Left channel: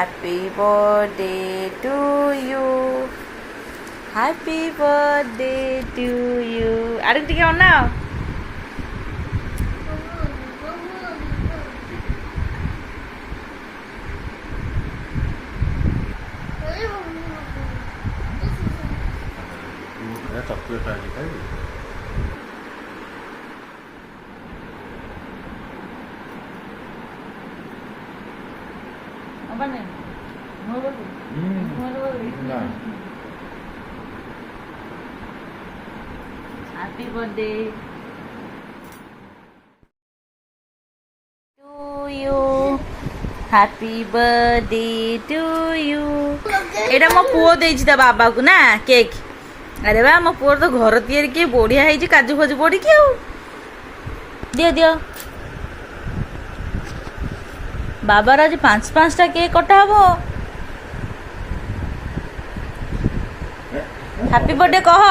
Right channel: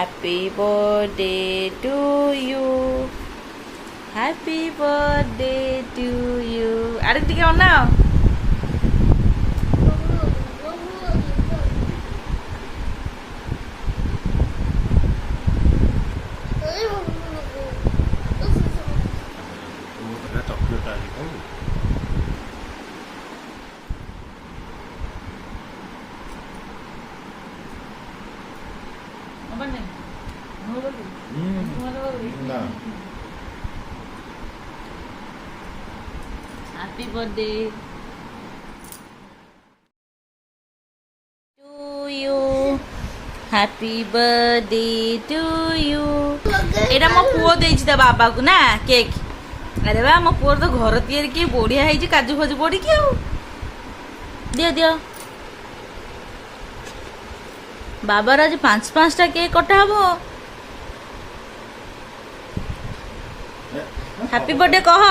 Happy birthday to you. Happy birthday to you. আরেক দিকে নাও। চকলেট আছে খাবি? না Happy birthday to you. Happy birthday to you. এটা ମୋ ପୁଅ ଦେଇଛି ତା ବାବାକୁ ନା କେକ୍। ଆରେ ବା ମୋ ପୁଅର ତ ଘର ତିଆରି କି ବଢିଆ ହେଇଛି କାଜୁ ଫାଜୁ ପଡିକି ଆଉ। ଦିଅ ଦିଅ। ବାବାର ଆଜି 5ଟା କେକ୍ କଟା ହବ। ହ୍ୟାପି ବର୍ଥଡେ କହ।